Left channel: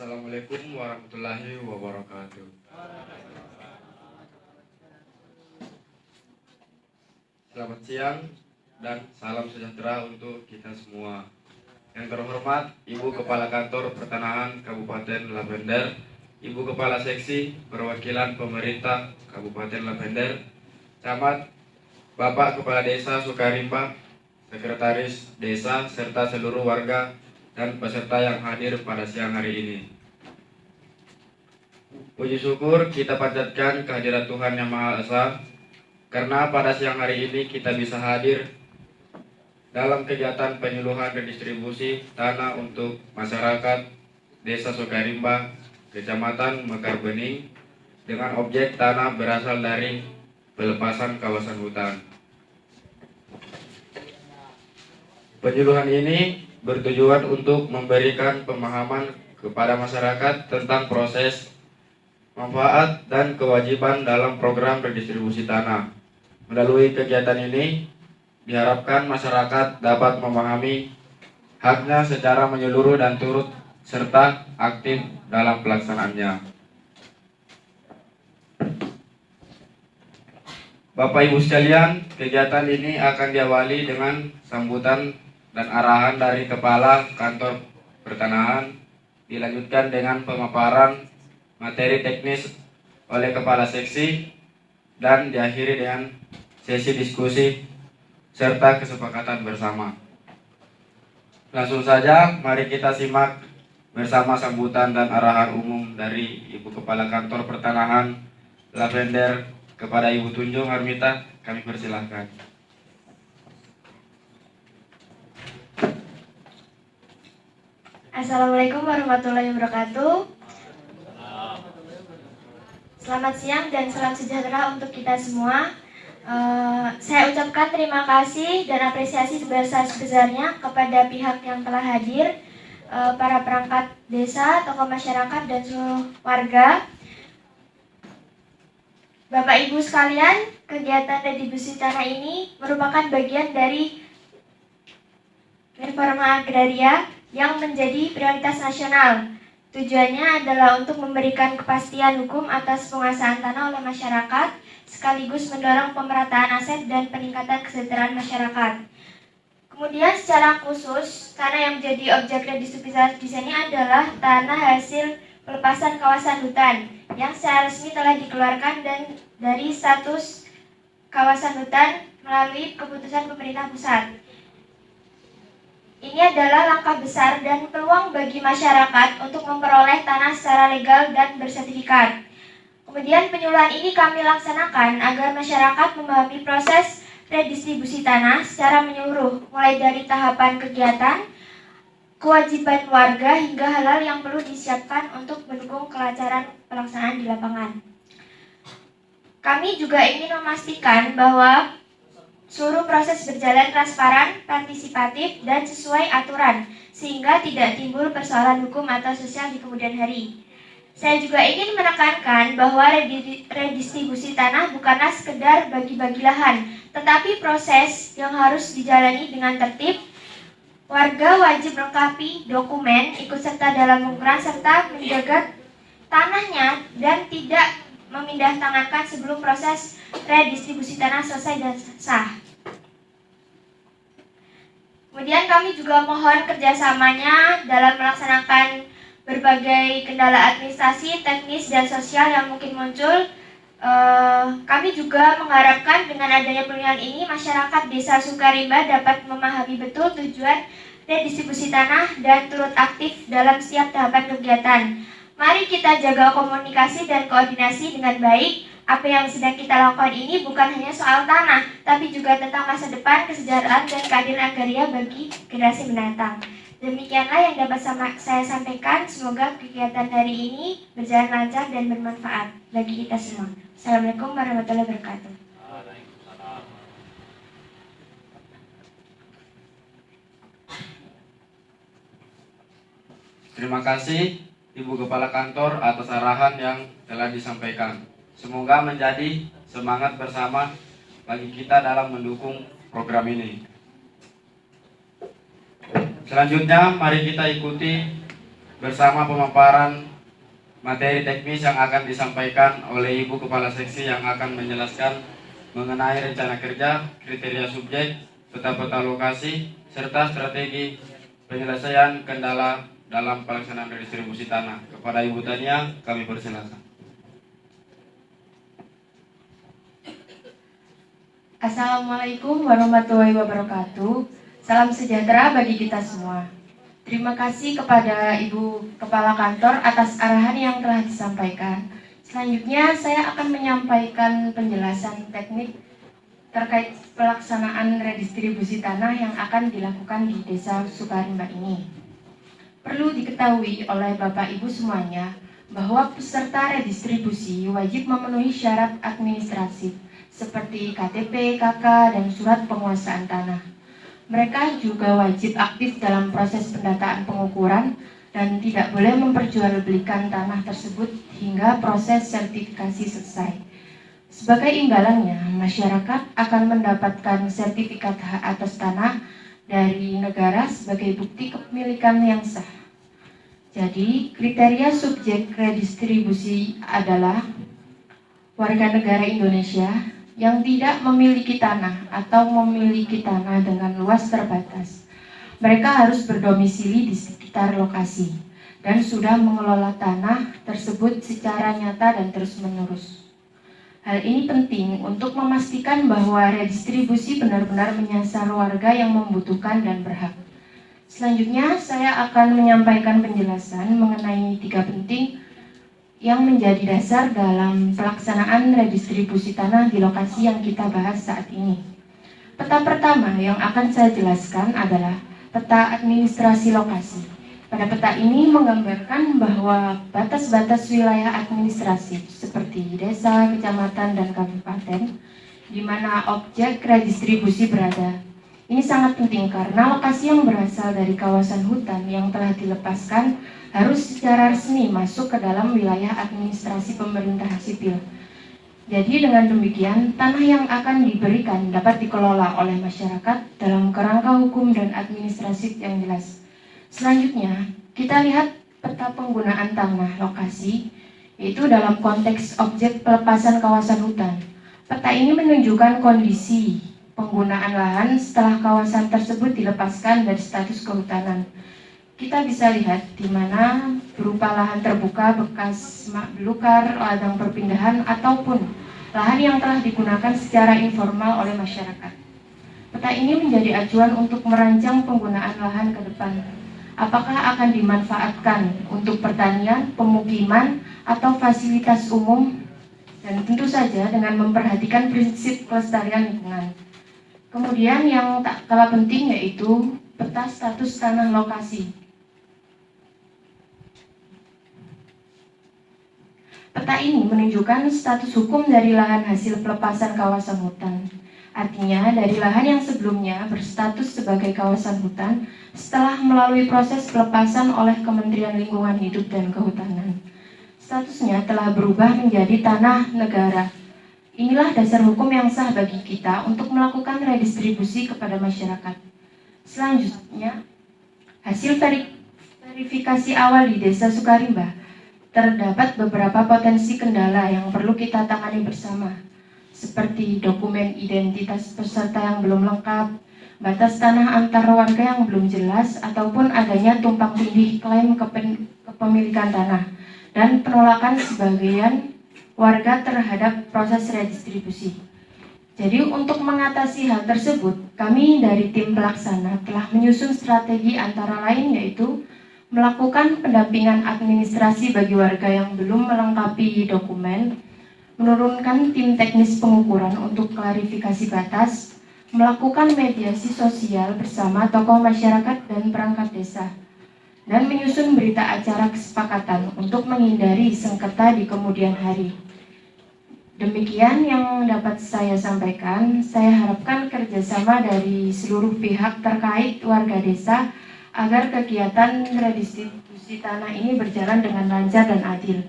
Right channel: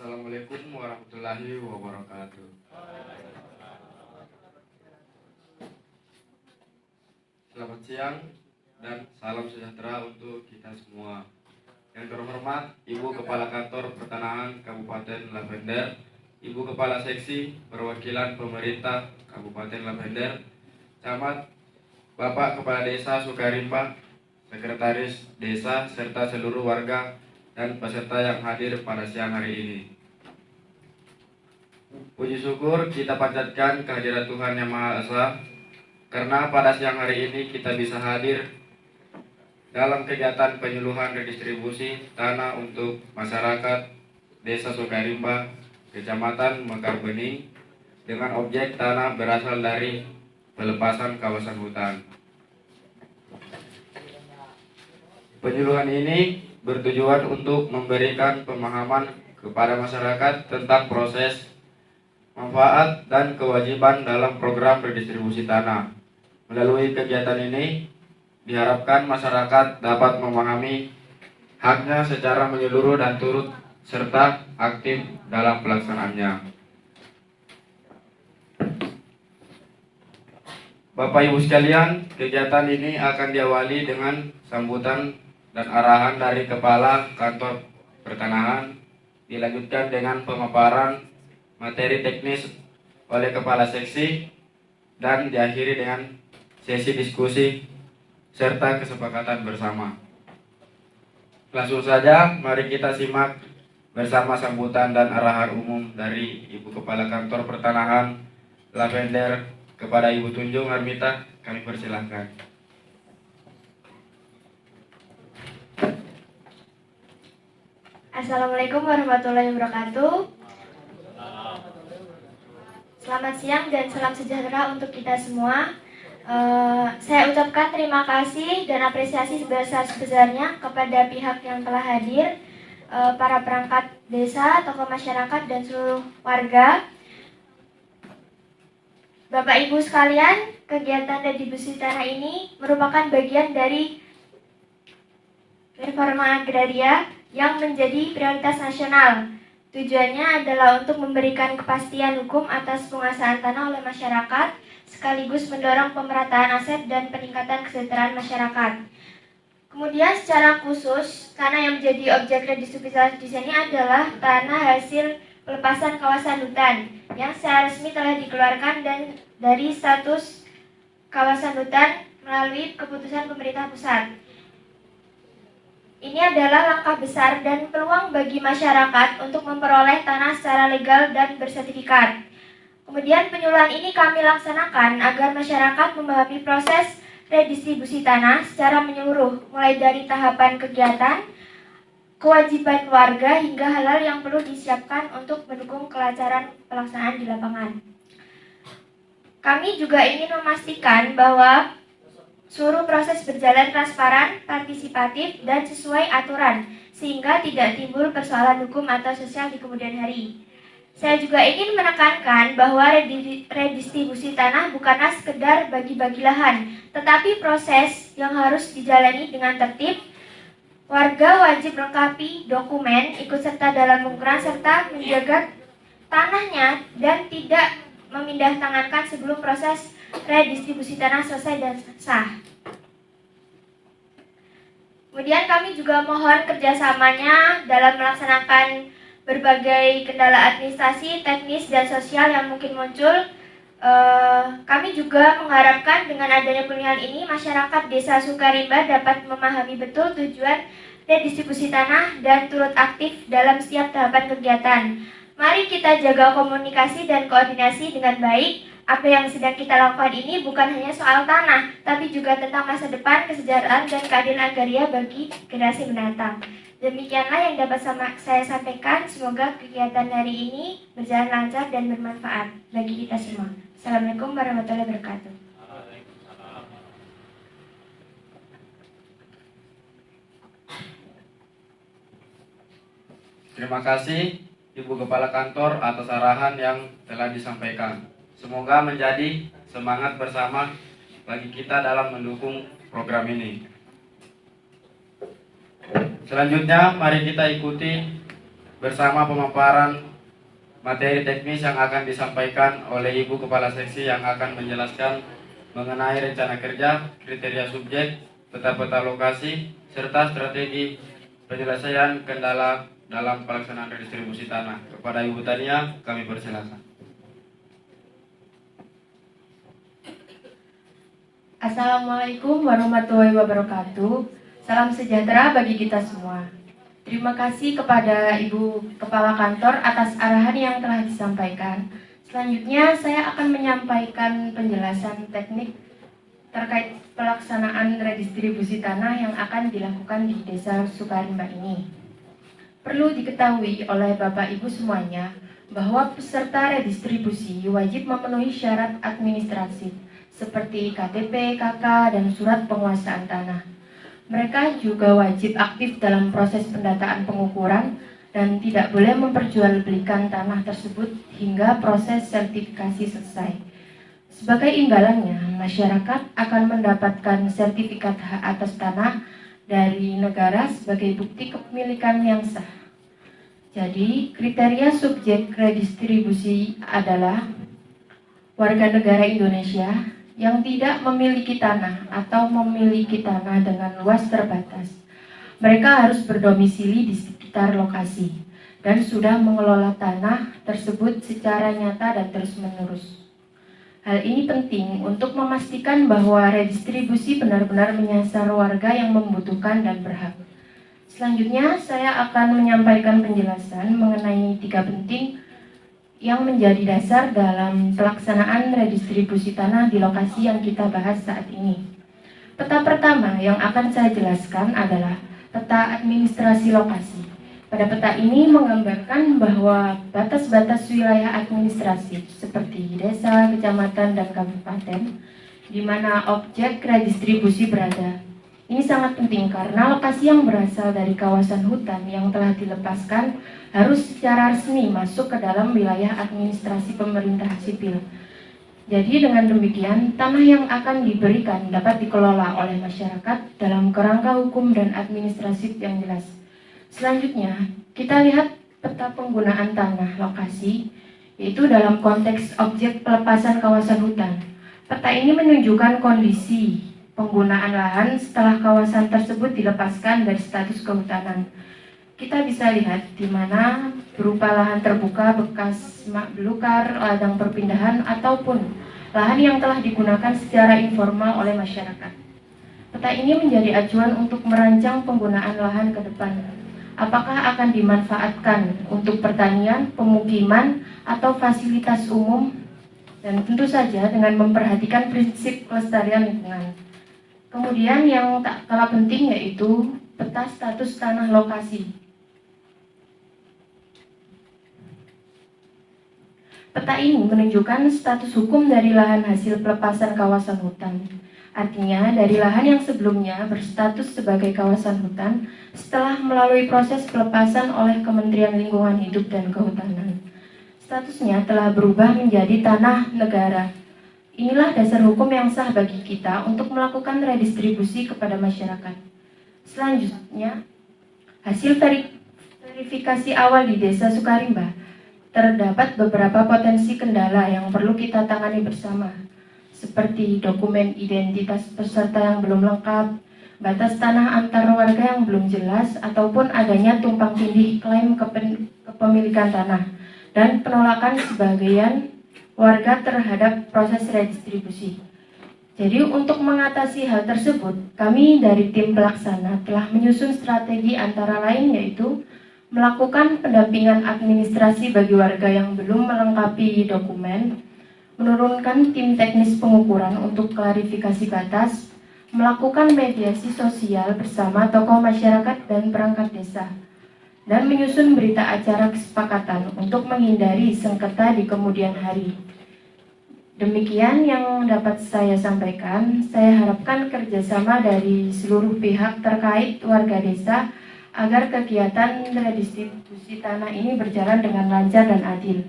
Assalamualaikum warahmatullahi wabarakatuh. Selamat siang dan salam sejahtera untuk kita semua. Yang terhormat Ibu Kepala Kantor Pertanahan Kabupaten Lavender, Ibu Kepala Seksi Perwakilan Pemerintah Kabupaten Lavender, Camat, Bapak Kepala Desa Sukarimba, Sekretaris Desa, serta seluruh warga dan peserta yang hadir pada siang hari ini. Puji syukur kita panjatkan kehadirat Tuhan Yang Maha Esa, karena pada siang hari ini kita bisa hadir dalam kegiatan penyuluhan redistribusi tanah untuk masyarakat Desa Sukarimba, Kecamatan Mekar Bening, dengan objek tanah berasal dari pelepasan kawasan hutan. Penyuluhan ini bertujuan untuk memberikan pemahaman kepada masyarakat tentang proses, manfaat, dan kewajiban dalam program redistribusi tanah. Melalui kegiatan ini, diharapkan masyarakat dapat memahami haknya secara menyeluruh dan turut serta aktif dalam pelaksanaannya. Bapak Ibu sekalian, kegiatan ini akan diawali dengan sambutan dan arahan dari Kepala Kantor Pertanahan, dilanjutkan dengan pemaparan materi teknis oleh Kepala Seksi, dan diakhiri dengan sesi diskusi serta kesepakatan bersama. Langsung saja, mari kita simak bersama sambutan dan arahan umum dari Ibu Kepala Kantor Pertanahan Lavender kepada Ibu Tunjung Armita. Kami persilahkan. Assalamualaikum warahmatullahi wabarakatuh. Selamat siang dan salam sejahtera untuk kita semua. Saya ucapkan terima kasih dan apresiasi sebesar-besarnya kepada pihak yang telah hadir, para perangkat desa, tokoh masyarakat, dan seluruh warga. Bapak Ibu sekalian, kegiatan redistribusi tanah ini merupakan bagian dari reforma agraria yang menjadi prioritas nasional. Tujuannya adalah untuk memberikan kepastian hukum atas penguasaan tanah oleh masyarakat, sekaligus mendorong pemerataan aset dan peningkatan kesejahteraan masyarakat. Kemudian secara khusus, tanah yang menjadi objek redistribusi di sini adalah tanah hasil pelepasan kawasan hutan yang secara resmi telah dikeluarkan dan dari status kawasan hutan melalui keputusan pemerintah pusat. Ini adalah langkah besar dan peluang bagi masyarakat untuk memperoleh tanah secara legal dan bersertifikat. Kemudian penyuluhan ini kami laksanakan agar masyarakat memahami proses redistribusi tanah secara menyeluruh, mulai dari tahapan kegiatan, kewajiban warga, hingga hal-hal yang perlu disiapkan untuk mendukung kelancaran pelaksanaan di lapangan. Kami juga ingin memastikan bahwa seluruh proses berjalan transparan, partisipatif, dan sesuai aturan, sehingga tidak timbul persoalan hukum atau sosial di kemudian hari. Saya juga ingin menekankan bahwa redistribusi tanah bukanlah sekedar bagi-bagi lahan, tetapi proses yang harus dijalani dengan tertib. Warga wajib melengkapi dokumen, ikut serta dalam pengukuran, serta menjaga tanahnya dan tidak memindahtangankan sebelum proses redistribusi tanah selesai dan sah. Kemudian kami juga mohon kerjasamanya dalam melaksanakan berbagai kendala administrasi, teknis, dan sosial yang mungkin muncul. Kami juga mengharapkan dengan adanya pemilihan ini, masyarakat Desa Sukarimba dapat memahami betul tujuan redistribusi tanah dan turut aktif dalam setiap tahapan kegiatan. Mari kita jaga komunikasi dan koordinasi dengan baik. Apa yang sedang kita lakukan ini bukan hanya soal tanah, tapi juga tentang masa depan, kesejahteraan, dan keadilan agraria bagi generasi mendatang. Demikianlah yang dapat saya sampaikan. Semoga kegiatan hari ini berjalan lancar dan bermanfaat bagi kita semua. Assalamualaikum warahmatullahi wabarakatuh. Terima kasih Ibu Kepala Kantor atas arahan yang telah disampaikan. Semoga menjadi semangat bersama bagi kita dalam mendukung program ini. Selanjutnya, mari kita ikuti bersama pemaparan materi teknis yang akan disampaikan oleh Ibu Kepala Seksi yang akan menjelaskan mengenai rencana kerja, kriteria subjek, peta-peta lokasi, serta strategi penyelesaian kendala dalam pelaksanaan redistribusi tanah. Kepada Ibu Tania, kami persilakan. Assalamualaikum warahmatullahi wabarakatuh. Salam sejahtera bagi kita semua. Terima kasih kepada Ibu Kepala Kantor atas arahan yang telah disampaikan. Selanjutnya saya akan menyampaikan penjelasan teknik terkait pelaksanaan redistribusi tanah yang akan dilakukan di Desa Sukarimba ini. Perlu diketahui oleh Bapak Ibu semuanya bahwa peserta redistribusi wajib memenuhi syarat administratif seperti KTP, KK, dan surat penguasaan tanah. Mereka juga wajib aktif dalam proses pendataan pengukuran dan tidak boleh memperjualbelikan tanah tersebut hingga proses sertifikasi selesai. Sebagai imbalannya, masyarakat akan mendapatkan sertifikat hak atas tanah dari negara sebagai bukti kepemilikan yang sah. Jadi, kriteria subjek redistribusi adalah warga negara Indonesia yang tidak memiliki tanah atau memiliki tanah dengan luas terbatas. Mereka harus berdomisili di sekitar lokasi dan sudah mengelola tanah tersebut secara nyata dan terus-menerus. Hal ini penting untuk memastikan bahwa redistribusi benar-benar menyasar warga yang membutuhkan dan berhak. Selanjutnya, saya akan menyampaikan penjelasan mengenai 3 penting yang menjadi dasar dalam pelaksanaan redistribusi tanah di lokasi yang kita bahas saat ini. Peta pertama yang akan saya jelaskan adalah peta administrasi lokasi. Pada peta ini menggambarkan bahwa batas-batas wilayah administratif seperti desa, kecamatan, dan kabupaten di mana objek redistribusi berada. Ini sangat penting karena lokasi yang berasal dari kawasan hutan yang telah dilepaskan harus secara resmi masuk ke dalam wilayah administrasi pemerintah sipil. Jadi dengan demikian, tanah yang akan diberikan dapat dikelola oleh masyarakat dalam kerangka hukum dan administratif yang jelas. Selanjutnya, kita lihat peta penggunaan tanah lokasi, yaitu dalam konteks objek pelepasan kawasan hutan. Peta ini menunjukkan kondisi penggunaan lahan setelah kawasan tersebut dilepaskan dari status kehutanan. Kita bisa lihat di mana berupa lahan terbuka bekas semak belukar, ladang perpindahan, ataupun lahan yang telah digunakan secara informal oleh masyarakat. Peta ini menjadi acuan untuk merancang penggunaan lahan ke depan. Apakah akan dimanfaatkan untuk pertanian, pemukiman, atau fasilitas umum, dan tentu saja dengan memperhatikan prinsip kelestarian lingkungan. Kemudian yang tak kalah penting yaitu peta status tanah lokasi. Peta ini menunjukkan status hukum dari lahan hasil pelepasan kawasan hutan. Artinya dari lahan yang sebelumnya berstatus sebagai kawasan hutan setelah melalui proses pelepasan oleh Kementerian Lingkungan Hidup dan Kehutanan. Statusnya telah berubah menjadi tanah negara. Inilah dasar hukum yang sah bagi kita untuk melakukan redistribusi kepada masyarakat. Selanjutnya, hasil verifikasi awal di Desa Sukarimba, terdapat beberapa potensi kendala yang perlu kita tangani bersama, seperti dokumen identitas peserta yang belum lengkap, batas tanah antar warga yang belum jelas, ataupun adanya tumpang tindih klaim kepemilikan tanah, dan penolakan sebagian warga terhadap proses redistribusi. Jadi untuk mengatasi hal tersebut, kami dari tim pelaksana telah menyusun strategi antara lain yaitu melakukan pendampingan administrasi bagi warga yang belum melengkapi dokumen, menurunkan tim teknis pengukuran untuk klarifikasi batas, melakukan mediasi sosial bersama tokoh masyarakat dan perangkat desa, dan menyusun berita acara kesepakatan untuk menghindari sengketa di kemudian hari. Demikian yang dapat saya sampaikan. Saya harapkan kerjasama dari seluruh pihak terkait warga desa agar kegiatan redistribusi tanah ini berjalan dengan lancar dan adil.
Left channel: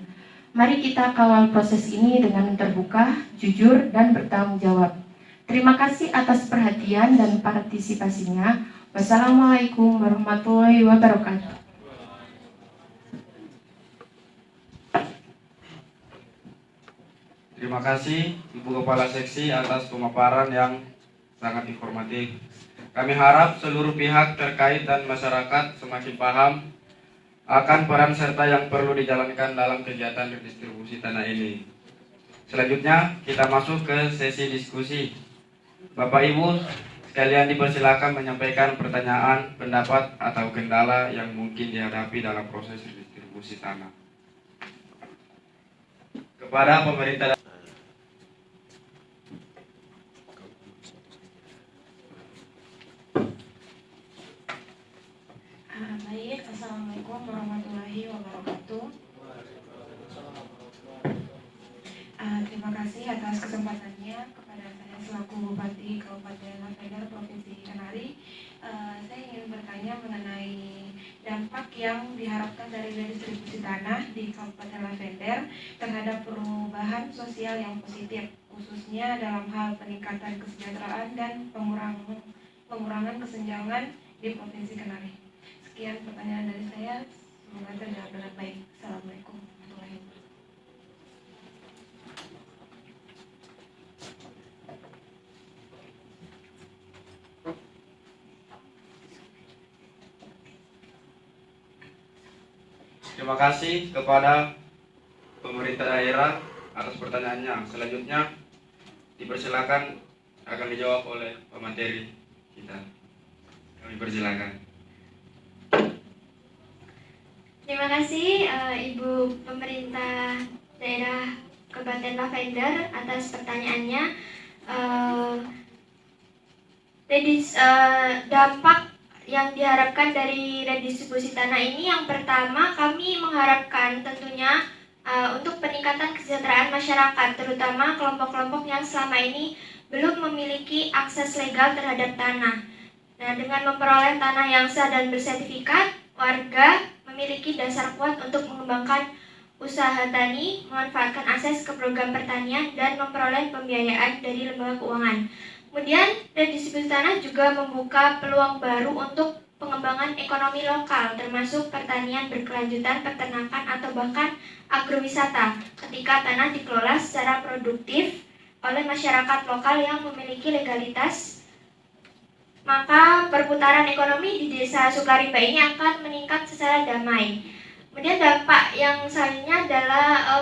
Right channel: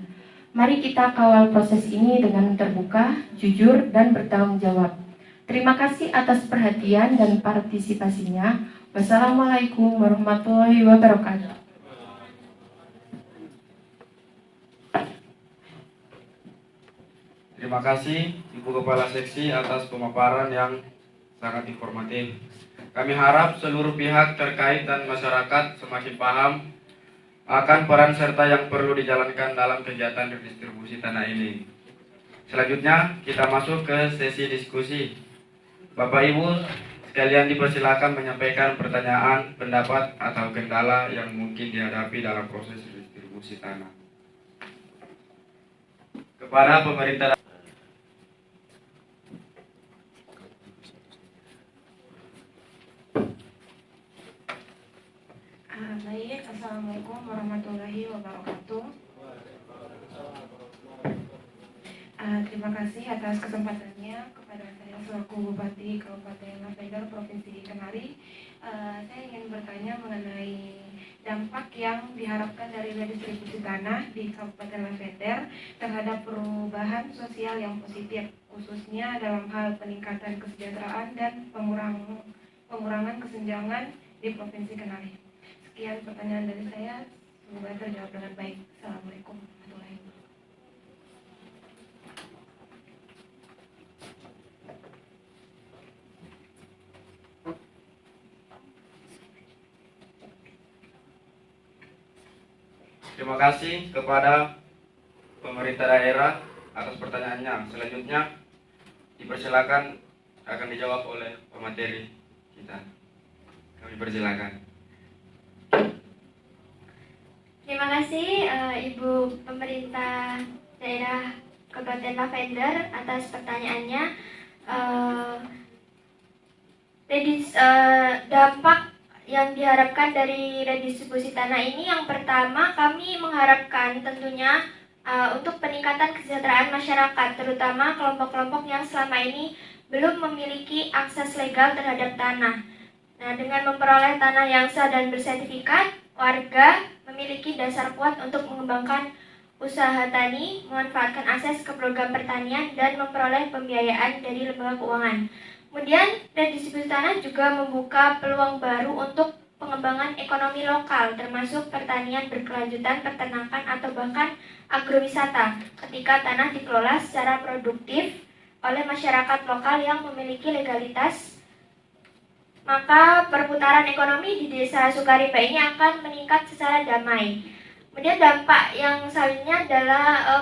Mari kita kawal proses ini dengan terbuka, jujur, dan bertanggung jawab. Terima kasih atas perhatian dan partisipasinya. Wassalamualaikum warahmatullahi wabarakatuh. Terima kasih Ibu Kepala Seksi atas pemaparan yang sangat informatif. Kami harap seluruh pihak terkait dan masyarakat semakin paham akan peran serta yang perlu dijalankan dalam kegiatan redistribusi tanah ini. Selanjutnya kita masuk ke sesi diskusi. Bapak Ibu sekalian dipersilakan menyampaikan pertanyaan, pendapat atau kendala yang mungkin dihadapi dalam proses redistribusi tanah. Kepada pemerintah Baik, Assalamualaikum warahmatullahi wabarakatuh. Terima kasih atas kesempatannya kepada saya selaku Bupati Kabupaten Lavender Provinsi Kenari. Saya ingin bertanya mengenai dampak yang diharapkan dari redistribusi tanah di Kabupaten Lavender terhadap perubahan sosial yang positif, khususnya dalam hal peningkatan kesejahteraan dan pengurangan kesenjangan di Provinsi Kenari. Sekian pertanyaan dari saya, semoga terjawab dengan baik. Assalamualaikum warahmatullahi wabarakatuh. Terima kasih kepada pemerintah daerah atas pertanyaannya. Selanjutnya dipersilakan akan dijawab oleh pemateri kita. Kami persilakan. Terima kasih Ibu Pemerintah Daerah Kabupaten Lavender atas pertanyaannya. Dampak yang diharapkan dari redistribusi tanah ini, yang pertama kami mengharapkan tentunya untuk peningkatan kesejahteraan masyarakat, terutama kelompok-kelompok yang selama ini belum memiliki akses legal terhadap tanah. Nah, dengan memperoleh tanah yang sah dan bersertifikat, warga memiliki dasar kuat untuk mengembangkan usaha tani, memanfaatkan akses ke program pertanian, dan memperoleh pembiayaan dari lembaga keuangan. Kemudian, redistribusi tanah juga membuka peluang baru untuk pengembangan ekonomi lokal, termasuk pertanian berkelanjutan, peternakan, atau bahkan agrowisata, ketika tanah dikelola secara produktif oleh masyarakat lokal yang memiliki legalitas. Maka perputaran ekonomi di Desa Sukarimba ini akan meningkat secara damai. Kemudian dampak yang selanjutnya adalah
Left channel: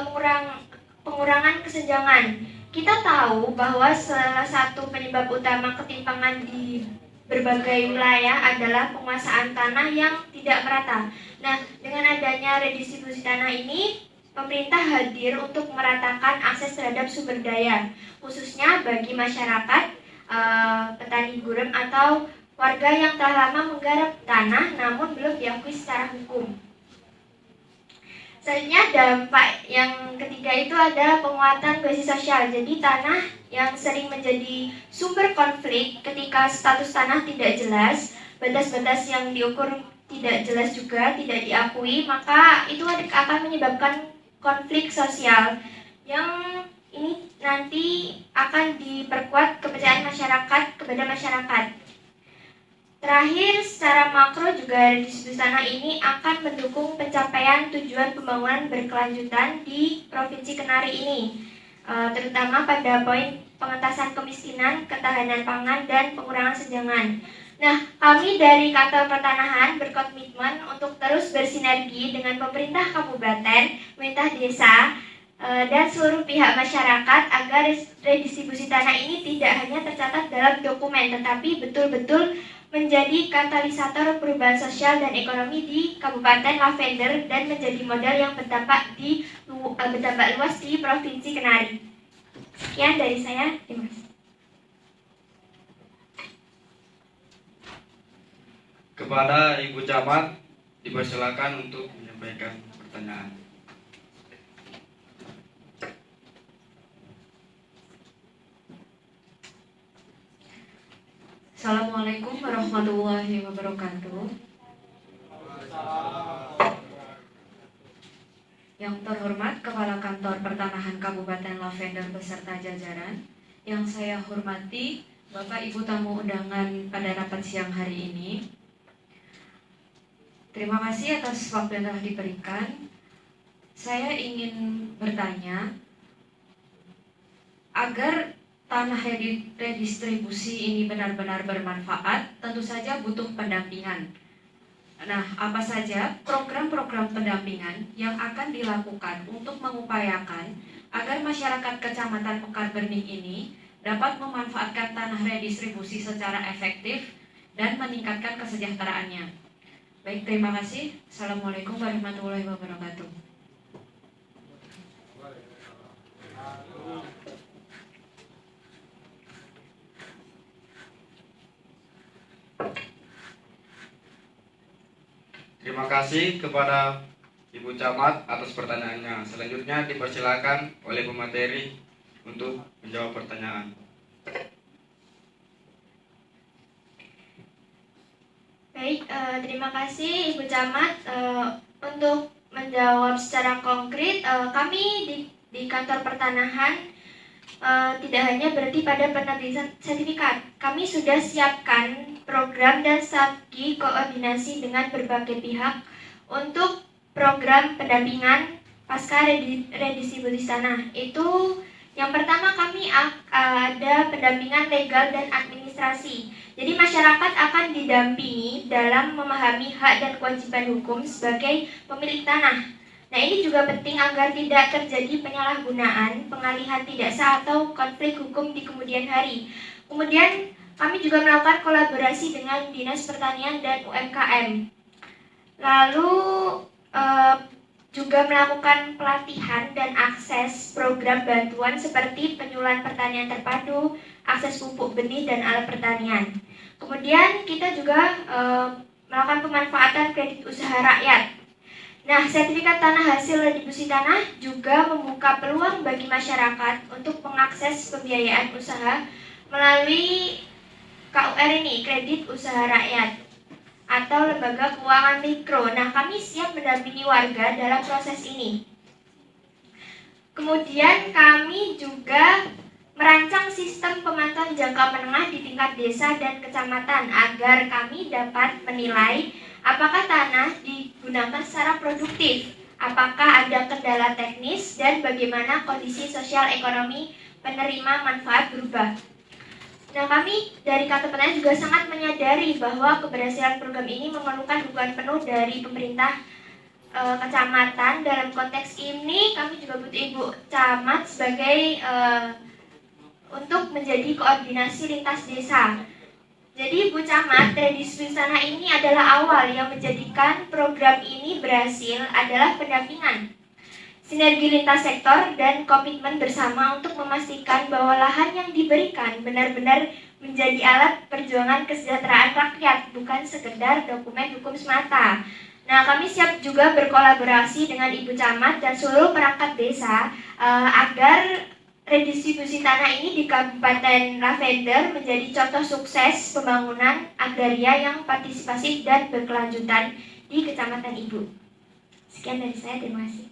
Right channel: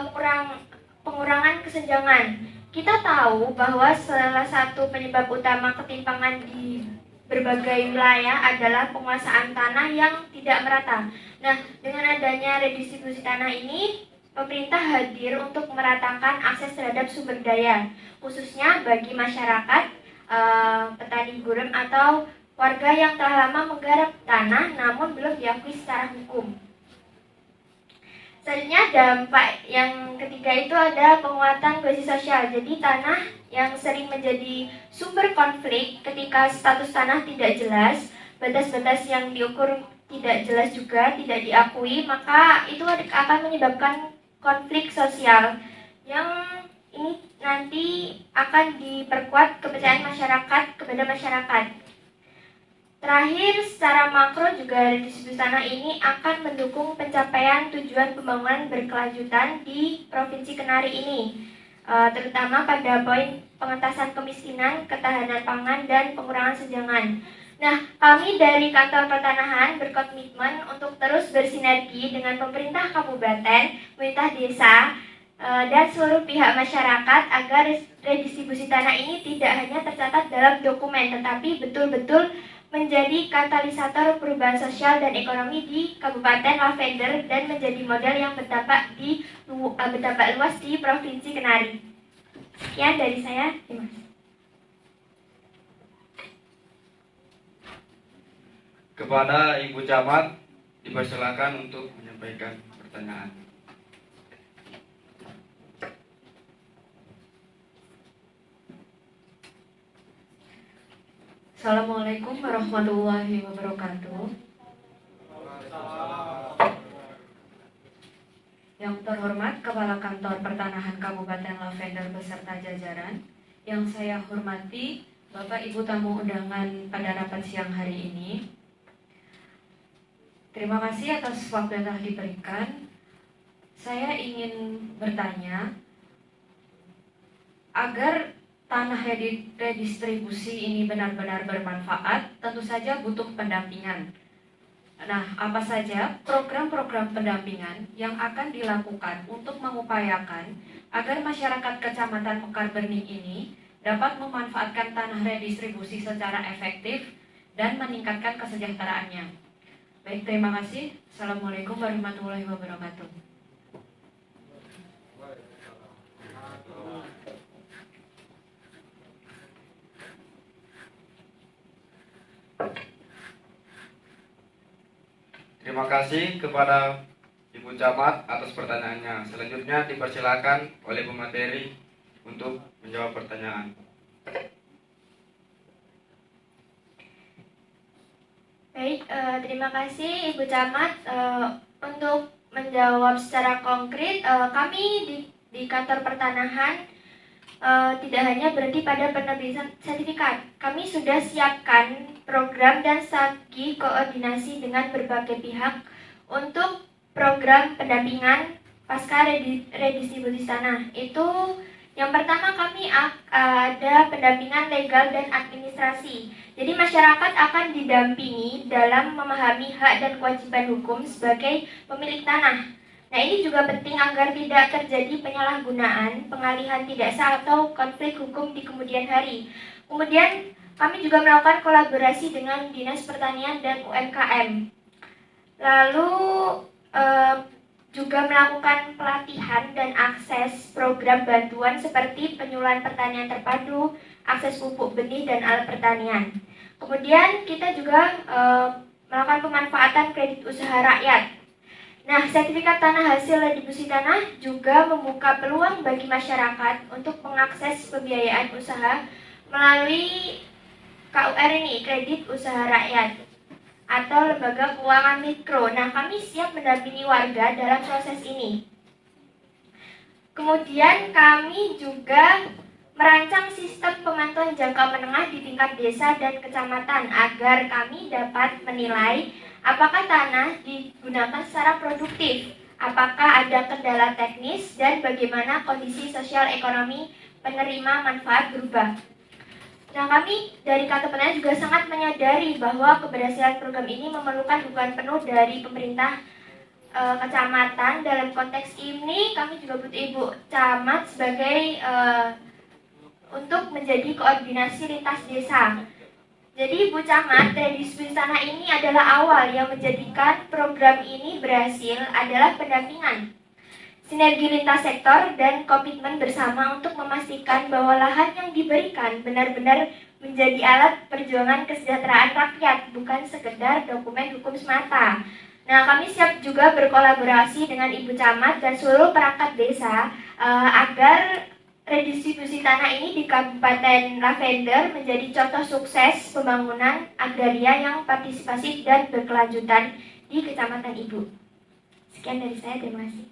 pengurangan kesenjangan. Kita tahu bahwa salah satu penyebab utama ketimpangan di berbagai wilayah adalah penguasaan tanah yang tidak merata. Nah, dengan adanya redistribusi tanah ini, pemerintah hadir untuk meratakan akses terhadap sumber daya, khususnya bagi masyarakat, petani gurem atau warga yang telah lama menggarap tanah namun belum diakui secara hukum. Selanjutnya, dampak yang ketiga itu ada penguatan kohesi sosial. Jadi tanah yang sering menjadi sumber konflik ketika status tanah tidak jelas, batas-batas yang diukur tidak jelas juga, tidak diakui, maka itu akan menyebabkan konflik sosial yang ini nanti akan diperkuat kepercayaan masyarakat kepada masyarakat. Terakhir, secara makro juga redistribusi tanah ini akan mendukung pencapaian tujuan pembangunan berkelanjutan di Provinsi Kenari ini, terutama pada poin pengentasan kemiskinan, ketahanan pangan, dan pengurangan senjangan. Nah, kami dari Kantor Pertanahan berkomitmen untuk terus bersinergi dengan pemerintah kabupaten, pemerintah desa, dan seluruh pihak masyarakat agar redistribusi tanah ini tidak hanya tercatat dalam dokumen, tetapi betul-betul menjadi katalisator perubahan sosial dan ekonomi di Kabupaten Lavender dan menjadi model yang berdampak luas di Provinsi Kenari. Sekian dari saya, terima kasih. Kepada Ibu Camat dipersilakan untuk menyampaikan pertanyaan. Assalamualaikum warahmatullahi wabarakatuh. Yang terhormat Kepala Kantor Pertanahan Kabupaten Lavender beserta jajaran, yang saya hormati Bapak Ibu tamu undangan pada rapat siang hari ini. Terima kasih atas waktu yang telah diberikan. Saya ingin bertanya, Agar tanah redistribusi ini benar-benar bermanfaat, tentu saja butuh pendampingan. Nah, apa saja program-program pendampingan yang akan dilakukan untuk mengupayakan agar masyarakat Kecamatan Mekar Bening ini dapat memanfaatkan tanah redistribusi secara efektif dan meningkatkan kesejahteraannya. Baik, terima kasih. Assalamualaikum warahmatullahi wabarakatuh. Terima kasih kepada Ibu Camat atas pertanyaannya. Selanjutnya dipersilakan oleh pemateri untuk menjawab pertanyaan. Baik, terima kasih Ibu Camat. Untuk menjawab secara konkret, kami di kantor pertanahan tidak hanya berhenti pada penerbitan sertifikat. Kami sudah siapkan program dan strategi koordinasi dengan berbagai pihak untuk program pendampingan pasca redistribusi tanah. Itu yang pertama, kami ada pendampingan legal dan administrasi. Jadi masyarakat akan didampingi dalam memahami hak dan kewajiban hukum sebagai pemilik tanah. Nah, ini juga penting agar tidak terjadi penyalahgunaan, pengalihan tidak sah atau konflik hukum di kemudian hari. Kemudian kami juga melakukan kolaborasi dengan Dinas Pertanian dan UMKM. Lalu juga melakukan pelatihan dan akses program bantuan seperti penyuluhan pertanian terpadu, akses pupuk benih dan alat pertanian. Kemudian kita juga melakukan pemanfaatan kredit usaha rakyat. Nah, sertifikat tanah hasil redistribusi tanah juga membuka peluang bagi masyarakat untuk mengakses pembiayaan usaha melalui KUR ini, kredit usaha rakyat atau lembaga keuangan mikro. Nah, kami siap mendampingi warga dalam proses ini. Kemudian kami juga merancang sistem pemantauan jangka menengah di tingkat desa dan kecamatan agar kami dapat menilai apakah tanah digunakan secara produktif, apakah ada kendala teknis, dan bagaimana kondisi sosial ekonomi penerima manfaat berubah. Nah, kami dari kantor pertanian juga sangat menyadari bahwa keberhasilan program ini memerlukan dukungan penuh dari pemerintah kecamatan. Dalam konteks ini, kami juga butuh Ibu Camat sebagai untuk menjadi koordinasi lintas desa. Jadi Ibu Camat, redistribusi tanah ini adalah awal yang menjadikan program ini berhasil adalah pendampingan, sinergi lintas sektor, dan komitmen bersama untuk memastikan bahwa lahan yang diberikan benar-benar menjadi alat perjuangan kesejahteraan rakyat, bukan sekedar dokumen hukum semata. Nah, kami siap juga berkolaborasi dengan Ibu Camat dan seluruh perangkat desa agar redistribusi tanah ini di Kabupaten Lavender menjadi contoh sukses pembangunan agraria yang partisipasif dan berkelanjutan di Kecamatan Ibu. Sekian dari saya, terima kasih.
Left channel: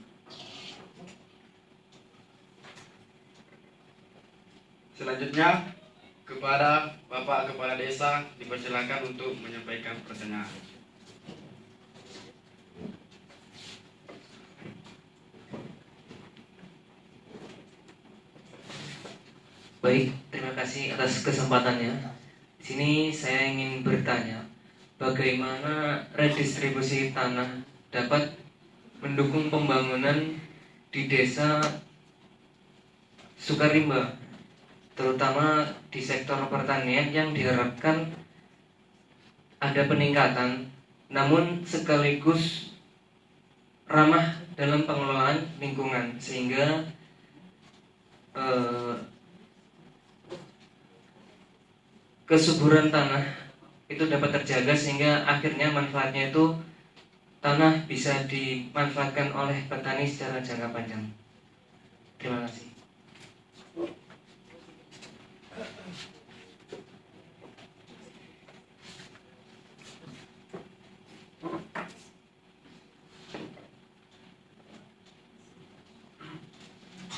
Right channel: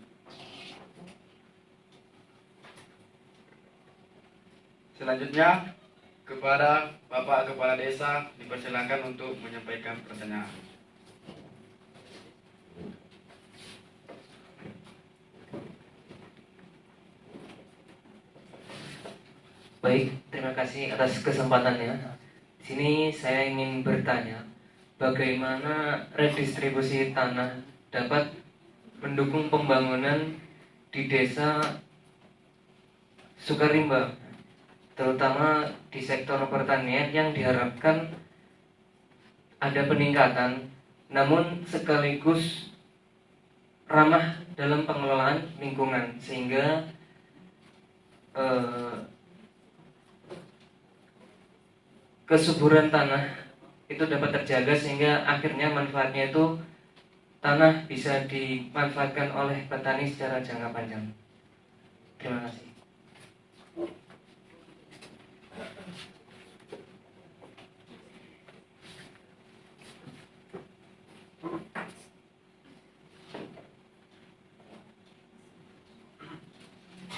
Selanjutnya kepada Bapak Kepala Desa dipersilakan untuk menyampaikan pertanyaan. Baik, terima kasih atas kesempatannya. Di sini saya ingin bertanya, bagaimana redistribusi tanah dapat mendukung pembangunan di desa Sukarimba, terutama di sektor pertanian yang diharapkan ada peningkatan, namun sekaligus ramah dalam pengelolaan lingkungan, sehingga kesuburan tanah itu dapat terjaga, sehingga akhirnya manfaatnya itu tanah bisa dimanfaatkan oleh petani secara jangka panjang. Terima kasih.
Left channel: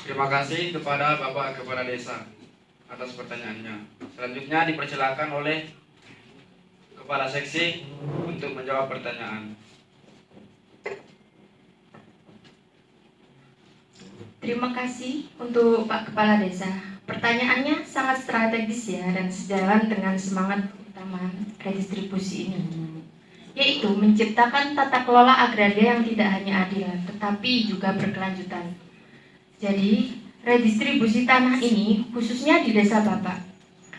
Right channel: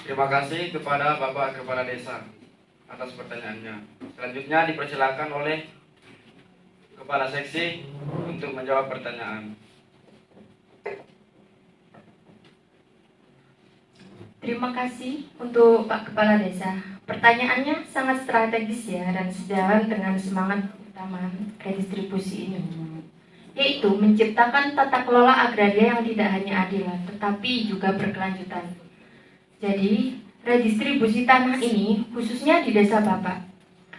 Terima kasih kepada Bapak Kepala Desa atas pertanyaannya. Selanjutnya dipersilakan oleh Kepala Seksi untuk menjawab pertanyaan. Terima kasih untuk Pak Kepala Desa. Pertanyaannya sangat strategis ya dan sejalan dengan semangat utama redistribusi ini, yaitu menciptakan tata kelola agraria yang tidak hanya adil tetapi juga berkelanjutan. Jadi, redistribusi tanah ini khususnya di desa Bapak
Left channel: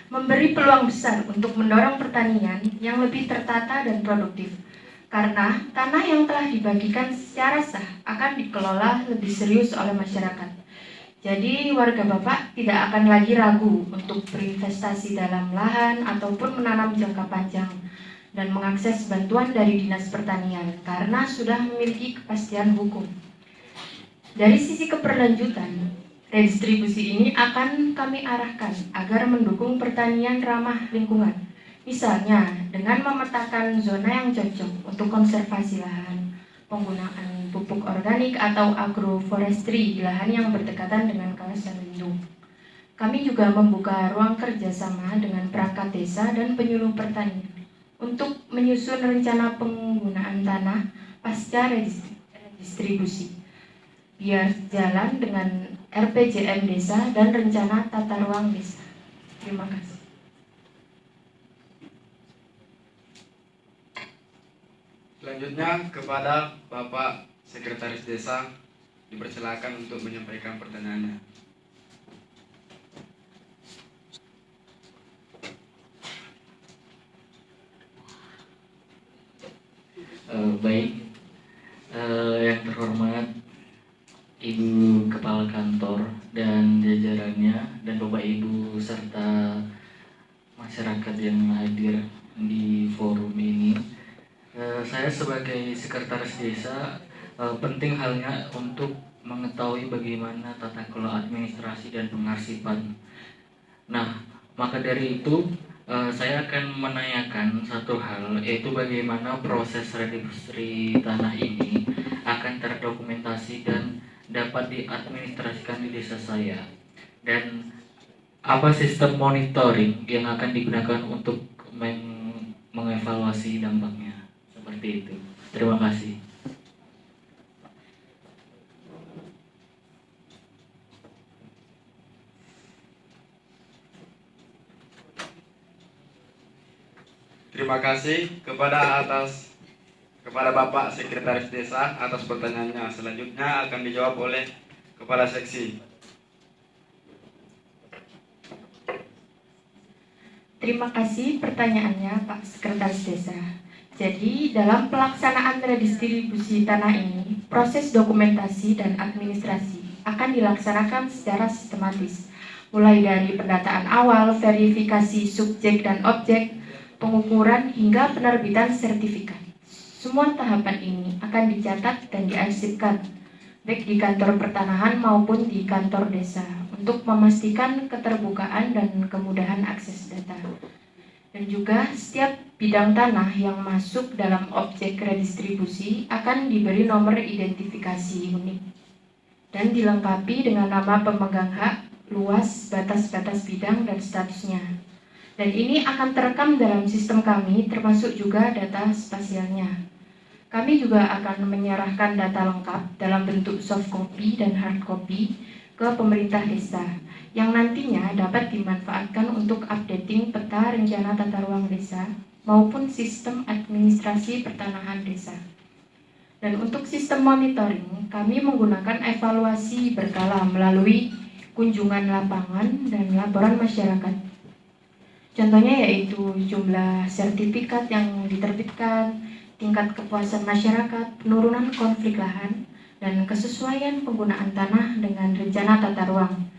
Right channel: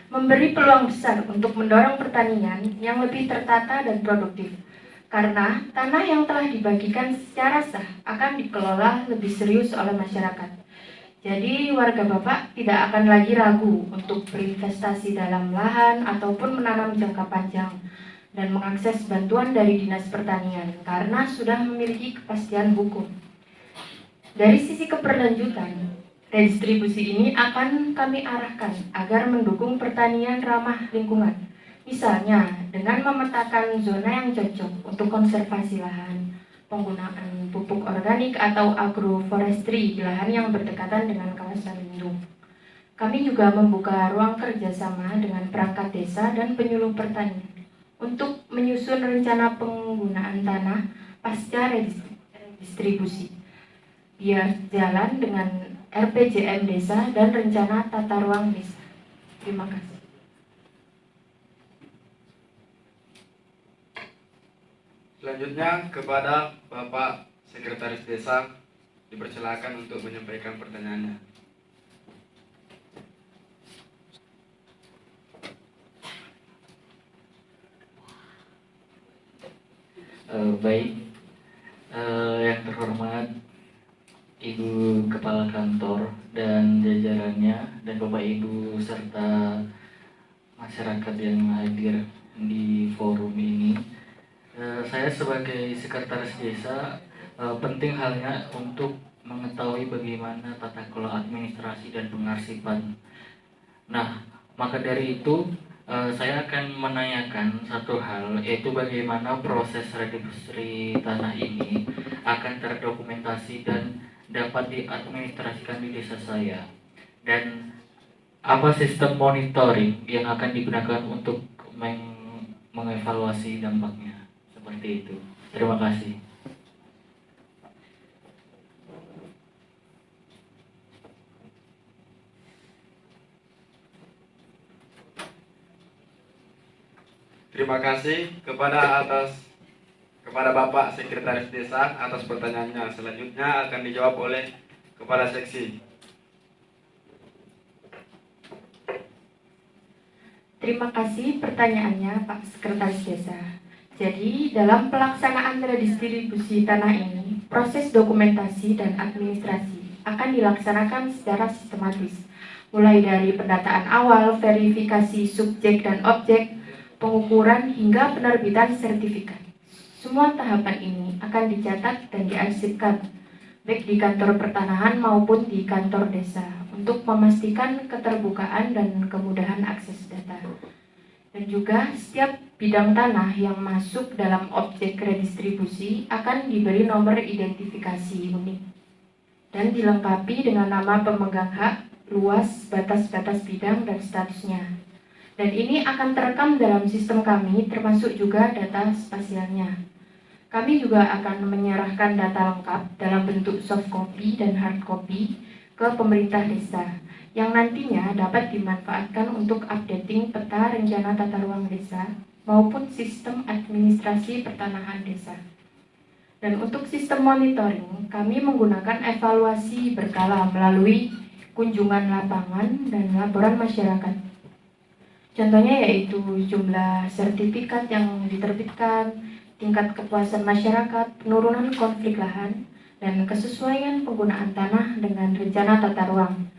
memberi peluang besar untuk mendorong pertanian yang lebih tertata dan produktif. Karena tanah yang telah dibagikan secara sah akan dikelola lebih serius oleh masyarakat. Jadi warga Bapak tidak akan lagi ragu untuk berinvestasi dalam lahan ataupun menanam jangka panjang dan mengakses bantuan dari Dinas Pertanian karena sudah memiliki kepastian hukum. Dari sisi keberlanjutan, redistribusi ini akan kami arahkan agar mendukung pertanian ramah lingkungan. Misalnya dengan memetakan zona yang cocok untuk konservasi lahan, penggunaan pupuk organik atau agroforestry di lahan yang berdekatan dengan kawasan lindung. Kami juga membuka ruang kerjasama dengan perangkat desa dan penyuluh pertanian untuk menyusun rencana penggunaan tanah pasca redistribusi, biar jalan dengan RPJM desa dan rencana tata ruang desa. Terima kasih. Selanjutnya kepada Bapak Sekretaris Desa dipersilakan untuk menyampaikan pertanyaannya. Baik, yang terhormat Ibu Kepala Kantor dan jajarannya dan Bapak Ibu serta masyarakat yang hadir di forum ini, saya sebagai sekretaris desa penting halnya untuk mengetahui bagaimana tata kelola administrasi dan pengarsipan. Nah, maka dari itu saya akan menanyakan satu hal, yaitu bagaimana proses redistribusi tanah ini akan terdokumentasi dan dapat diadministrasikan di desa saya, dan apa sistem monitoring yang akan digunakan untuk mengevaluasi dampaknya. Seperti itu. Terima kasih. Terima kasih kepada Bapak Sekretaris Desa atas pertanyaannya. Selanjutnya akan dijawab oleh Kepala Seksi. Terima kasih pertanyaannya Pak Sekretaris Desa. Jadi dalam pelaksanaan redistribusi tanah ini, proses dokumentasi dan administrasi akan dilaksanakan secara sistematis, mulai dari pendataan awal, verifikasi subjek dan objek, pengukuran hingga penerbitan sertifikat. Semua tahapan ini akan dicatat dan diarsipkan, baik di kantor pertanahan maupun di kantor desa, untuk memastikan keterbukaan dan kemudahan akses data. Dan juga setiap bidang tanah yang masuk dalam objek redistribusi akan diberi nomor identifikasi unik dan dilengkapi dengan nama pemegang hak, luas, batas-batas bidang, dan statusnya. Dan ini akan terekam dalam sistem kami, termasuk juga data spasialnya. Kami juga akan menyerahkan data lengkap dalam bentuk soft copy dan hard copy ke pemerintah desa, yang nantinya dapat dimanfaatkan untuk updating peta rencana tata ruang desa maupun sistem administrasi pertanahan desa. Dan untuk sistem monitoring, kami menggunakan evaluasi berkala melalui kunjungan lapangan dan laporan masyarakat. Contohnya yaitu jumlah sertifikat yang diterbitkan, tingkat kepuasan masyarakat, penurunan konflik lahan, dan kesesuaian penggunaan tanah dengan rencana tata ruang.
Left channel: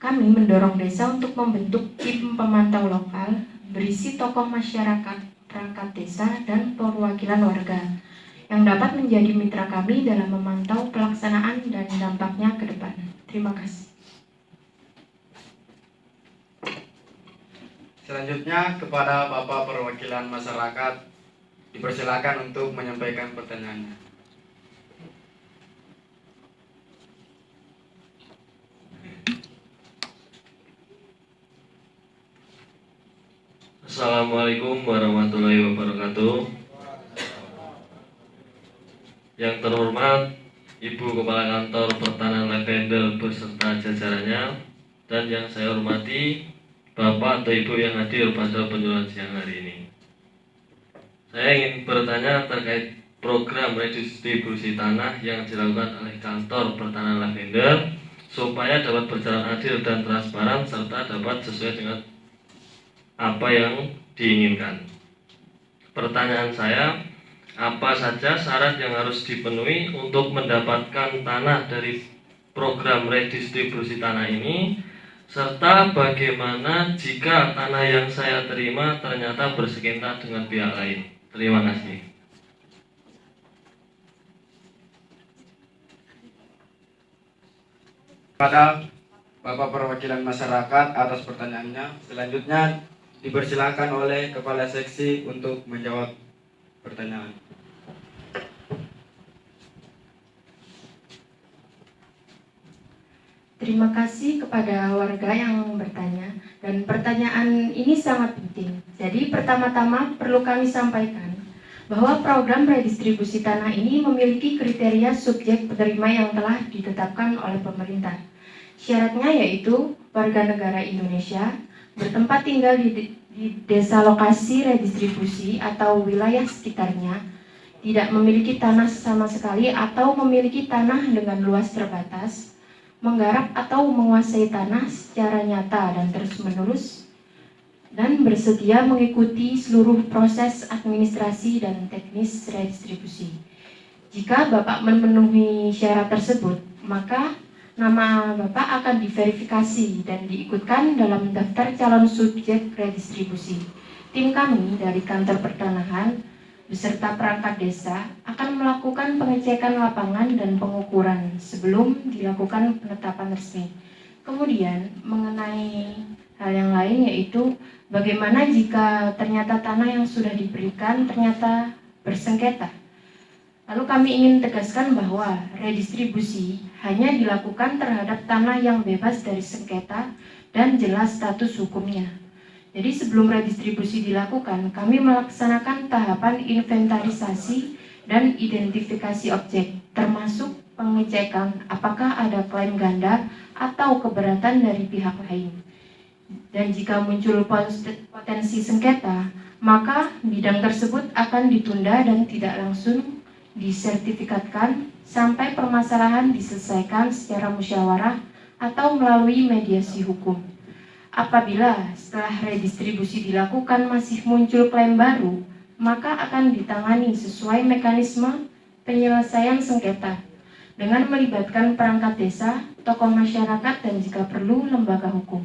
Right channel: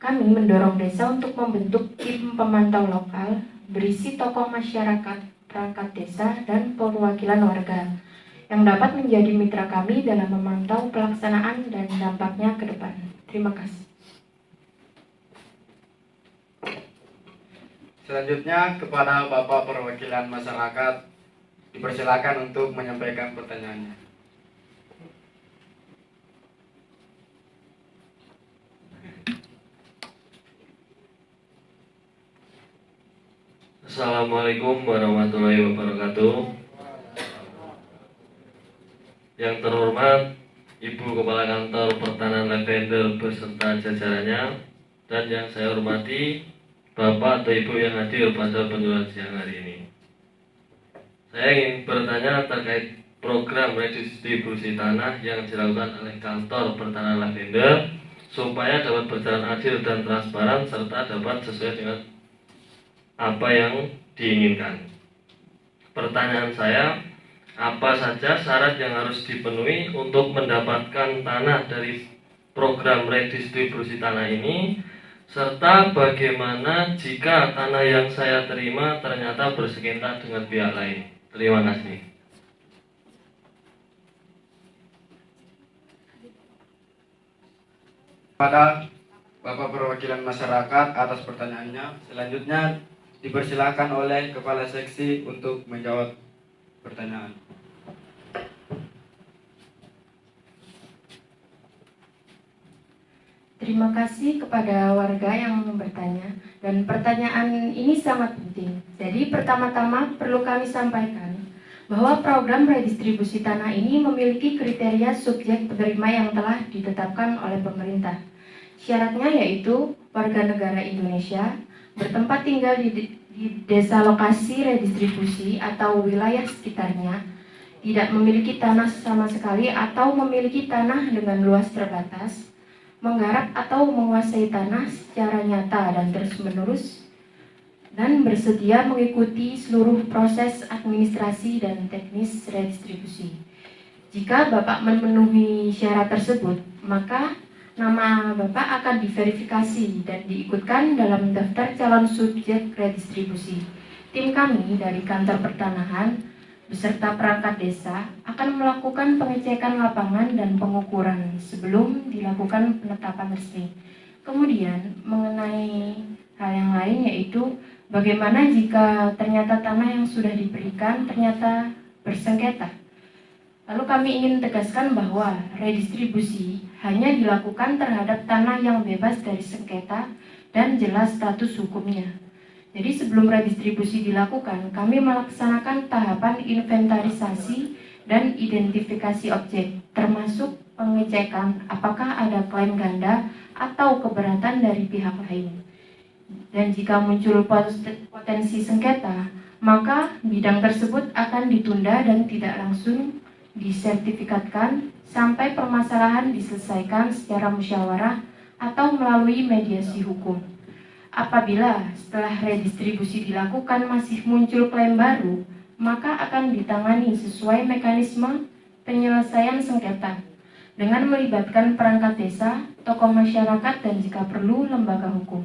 Kami mendorong desa untuk membentuk tim pemantau lokal berisi tokoh masyarakat, perangkat desa, dan perwakilan warga yang dapat menjadi mitra kami dalam memantau pelaksanaan dan dampaknya ke depan. Terima kasih. Selanjutnya kepada Bapak Perwakilan Masyarakat dipersilakan untuk menyampaikan pertanyaannya. Assalamualaikum warahmatullahi wabarakatuh. Yang terhormat Ibu Kepala Kantor Pertanahan Lavender beserta jajarannya, dan yang saya hormati Bapak atau Ibu yang hadir pada penjualan siang hari ini. Saya ingin bertanya terkait program redistribusi tanah yang dilakukan oleh kantor pertanahan Lavender supaya dapat berjalan adil dan transparan serta dapat sesuai dengan apa yang diinginkan. Pertanyaan saya, apa saja syarat yang harus dipenuhi untuk mendapatkan tanah dari program redistribusi tanah ini, serta bagaimana jika tanah yang saya terima ternyata bersengketa dengan pihak lain. Terima kasih. Pada Bapak Perwakilan Masyarakat atas pertanyaannya. Selanjutnya dipersilakan oleh Kepala Seksi untuk menjawab pertanyaan. Terima kasih kepada warga yang bertanya, dan pertanyaan ini sangat penting. Jadi pertama-tama perlu kami sampaikan bahwa program redistribusi tanah ini memiliki kriteria subjek penerima yang telah ditetapkan oleh pemerintah. Syaratnya yaitu warga negara Indonesia, bertempat tinggal di desa lokasi redistribusi atau wilayah sekitarnya, tidak memiliki tanah sama sekali atau memiliki tanah dengan luas terbatas, menggarap atau menguasai tanah secara nyata dan terus-menerus, dan bersedia mengikuti seluruh proses administrasi dan teknis redistribusi. Jika Bapak memenuhi syarat tersebut, maka nama Bapak akan diverifikasi dan diikutkan dalam daftar calon subjek redistribusi. Tim kami dari Kantor Pertanahan beserta perangkat desa akan melakukan pengecekan lapangan dan pengukuran sebelum dilakukan penetapan resmi. Kemudian mengenai hal yang lain yaitu bagaimana jika ternyata tanah yang sudah diberikan ternyata bersengketa. Lalu kami ingin tegaskan bahwa redistribusi hanya dilakukan terhadap tanah yang bebas dari sengketa dan jelas status hukumnya. Jadi sebelum redistribusi dilakukan, kami melaksanakan tahapan inventarisasi dan identifikasi objek, termasuk pengecekan apakah ada klaim ganda atau keberatan dari pihak lain. Dan jika muncul potensi sengketa, maka bidang tersebut akan ditunda dan tidak langsung disertifikatkan sampai permasalahan diselesaikan secara musyawarah atau melalui mediasi hukum. Apabila setelah redistribusi dilakukan masih muncul klaim baru, maka akan ditangani sesuai mekanisme penyelesaian sengketa dengan melibatkan perangkat desa, tokoh masyarakat, dan jika perlu lembaga hukum.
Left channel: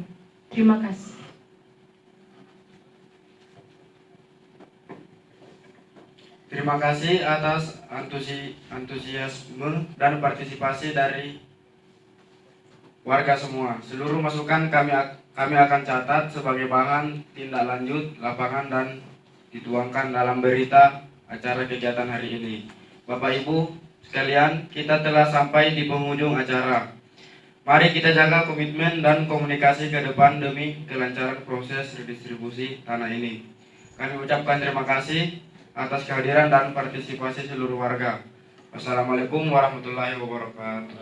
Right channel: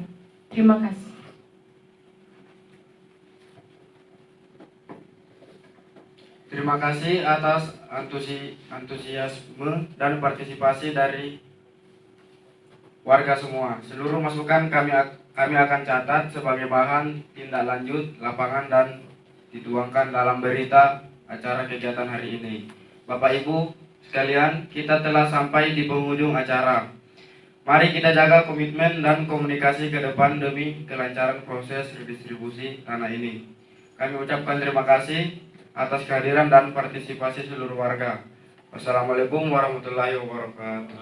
Terima kasih. Terima kasih atas antusiasme dan partisipasi dari warga semua. Seluruh masukan kami akan catat sebagai bahan tindak lanjut lapangan dan dituangkan dalam berita acara kegiatan hari ini. Bapak Ibu sekalian, kita telah sampai di penghujung acara. Mari kita jaga komitmen dan komunikasi ke depan demi kelancaran proses redistribusi tanah ini. Kami ucapkan terima kasih atas kehadiran dan partisipasi seluruh warga. Wassalamualaikum warahmatullahi wabarakatuh.